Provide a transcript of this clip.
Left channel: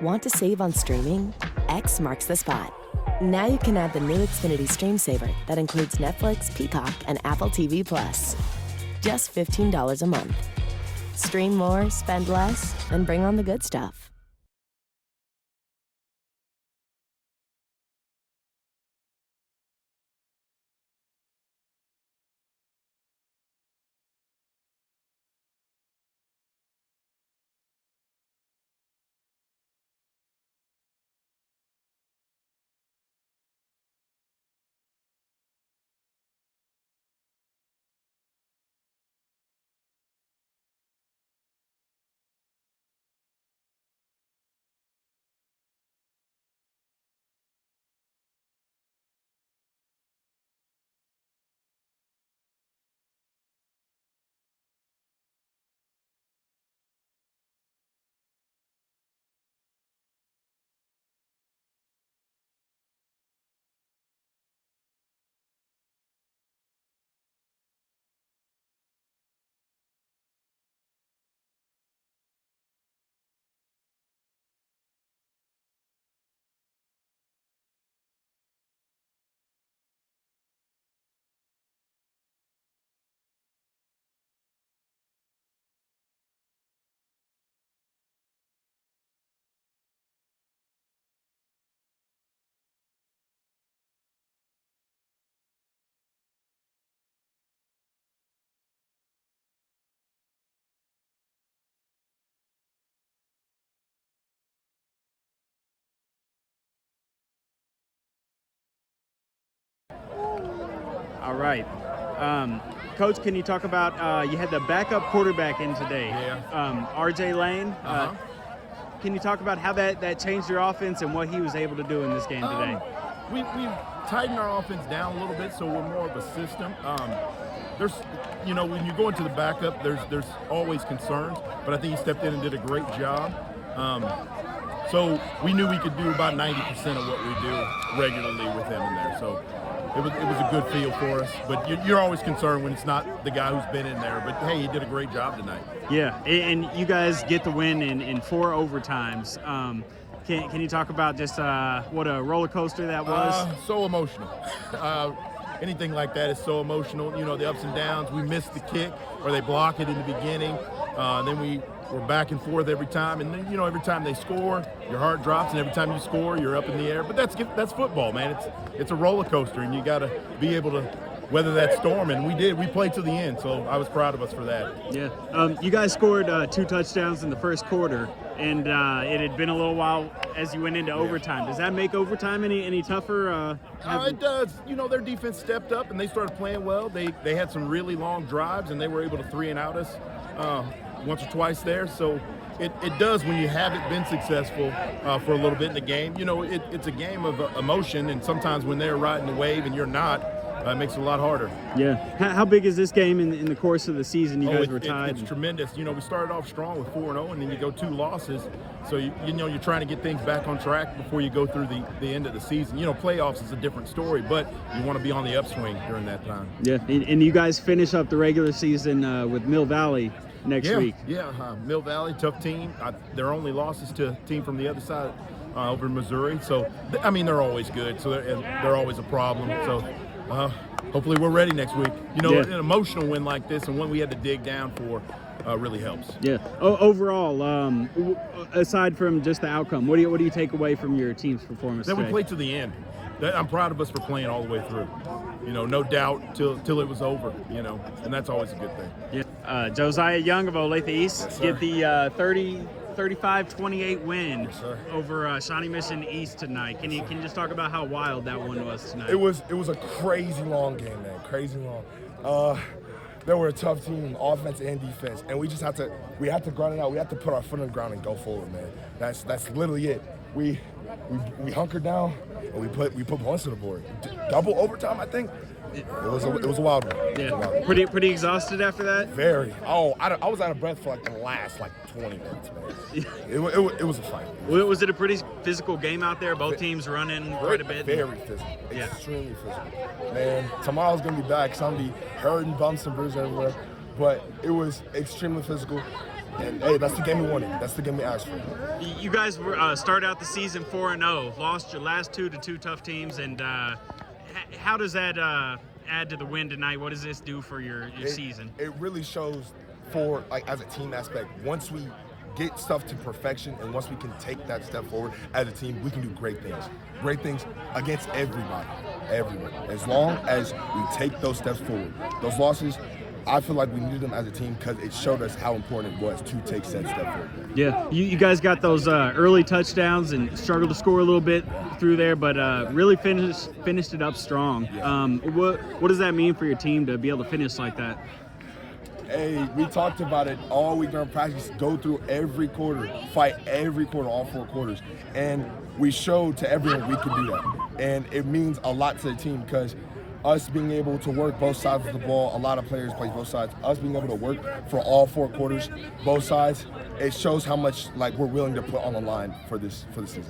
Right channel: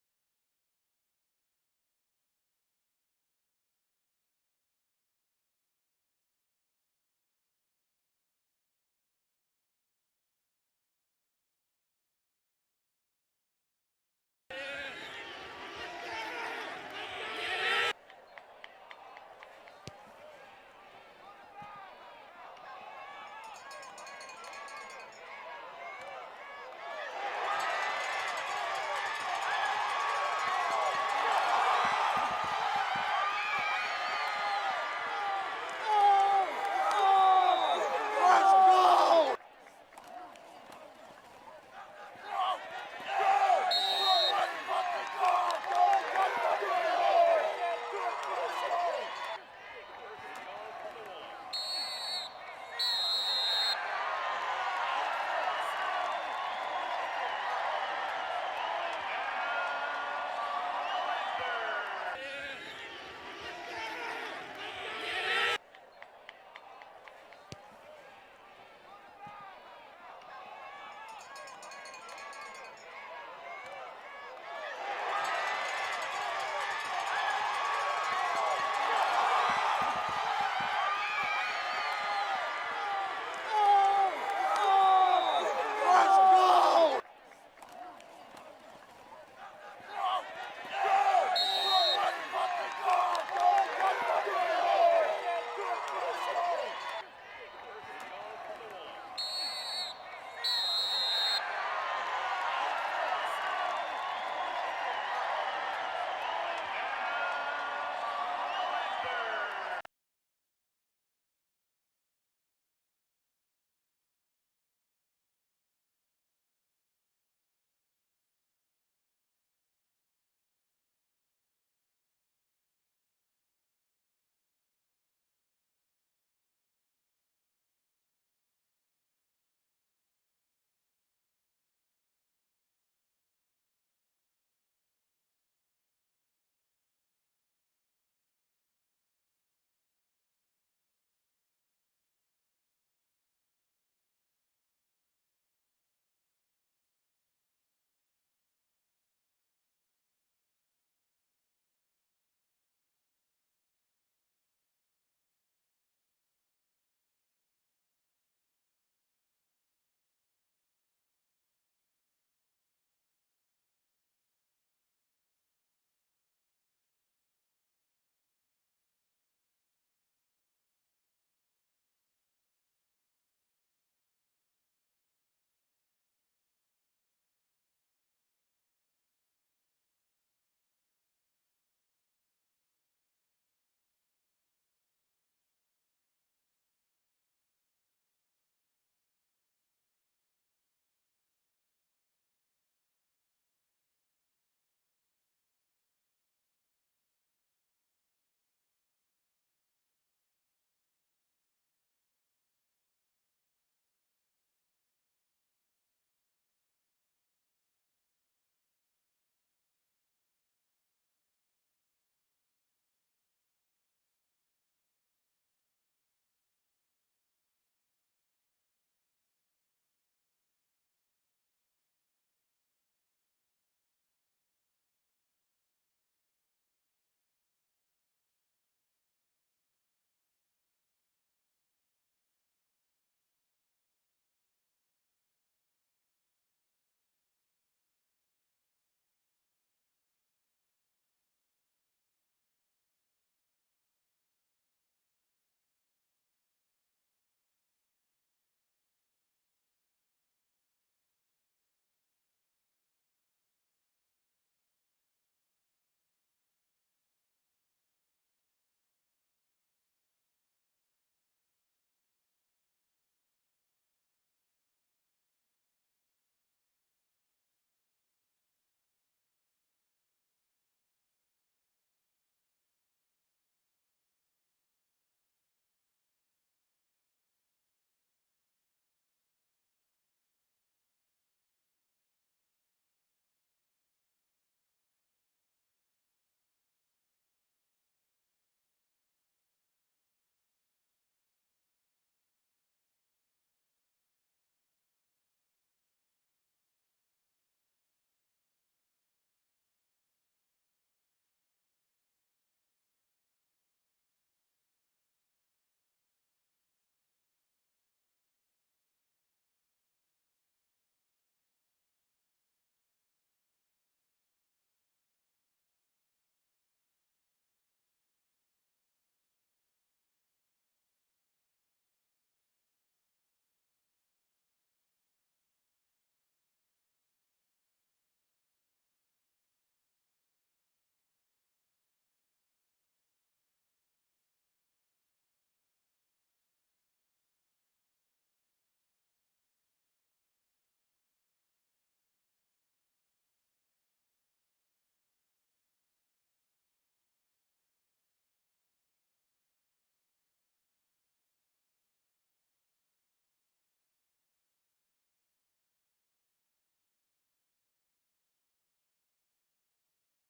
Want to save on streaming? X marks the spot. Now you can add the new Xfinity Stream Saver that includes Netflix, Peacock, and Apple TV+. Just $15 a month. Stream more, spend less, and bring on the good stuff. All right. Coach, can you talk about, you had the backup quarterback in today, RJ Lane. Can you talk about how that changed your offense and what he was able to do in this game today? We've tightened our offense down a little bit, so we're more of a system. There's, when you go into the backup, there's always concerns, but I think he stepped in and did a great job. So we knew we could do about 90% of what we do regularly with him in there. So it was a good feel for us. But you're always concerned when it's not the guy who's been in there. But hey, he did a great job tonight. Yeah, and you guys get the win in 4 overtimes. Can you talk about just what a roller coaster that was? So emotional. Anything like that is so emotional. The ups and downs. We missed the kick, or they block it in the beginning. Then we're back and forth every time, and then every time they score, your heart drops, and every time you score, you're up in the air. But that's football, man. It's a roller coaster, and you got to be able to weather that storm, and we did. We played to the end, so I was proud of us for that. Yeah. You guys scored 2 touchdowns in the first quarter, and it had been a little while as you went into overtime. Does that make overtime any tougher? It does. Their defense stepped up, and they started playing well. They had some really long drives, and they were able to 3-and-out us once or twice there. So it does when you haven't been successful for a little bit in the game. It's a game of emotion, and sometimes when they're riding the wave and you're not, it makes it a lot harder. Yeah. How big is this game in the course of the season? You guys were tied. It's tremendous. We started off strong with 4-0, and then you go 2 losses. So, you're trying to get things back on track before you go through the end of the season. Playoffs is a different story, but you want to be on the upswing during that time. Yeah, and you guys finish up the regular season with Mill Valley next week. Yeah, Mill Valley, tough team. Their only losses to a team from the other side over in Missouri. So, they're always good. So they're always a problem. So hopefully we're ready next week. An emotional win like this and one we had to dig down for really helps. Yeah. Overall, aside from just the outcome, what do you take away from your team's performance That today? we played to the end. I'm proud of us for playing all the way through. No doubt till it was over, and that's always a good thing. Yeah. Josiah Young of Olathe East Yes, get the 35-28 win over Shawnee Mission East tonight. Can you just talk about how wild that one was tonight? It was a crazy long game, man. Crazy long. They were a tough team, offense and defense, and we had to grind it out. We had to put our foot on the ground and go forward, man. That's literally it. We hunkered down and we put points on the board. Double overtime, I think. It was a wild one. Yeah. Pretty exhausted after that? Very. Oh, I was out of breath for the last 20 minutes, man. It was a fight. Was it a pretty physical game out there? Both teams running quite a bit? Very physical. Yeah. Extremely physical. Man, tomorrow's going to be back. So I'm going to be hurting, bumps and bruises everywhere. But it was extremely physical. And hey, that's the game we wanted. That's the game we asked for. You guys were started out the season 4-0, lost your last two to two tough teams, and how does that add to the win tonight? What does this do for your season? It really shows for, like, as a team aspect, once we get stuff to perfection and once we can take that step forward as a team, we can do great things. Great things against everybody, everyone. As long as we take those steps forward. Those losses, I feel like we needed them as a team because it showed us how important it was to take said step forward. Yeah, you guys got those early touchdowns and struggled to score a little bit through there, but really finished it up strong. What does that mean for your team to be able to finish like that? Hey, we talked about it all week during practice. Go through every quarter, fight every quarter, all 4 quarters. And we showed to everyone we could do that. And it means a lot to the team because us being able to work both sides of the ball, a lot of players play both sides, us being able to work for all 4 quarters, both sides, it shows how much like we're willing to put on the line for this season.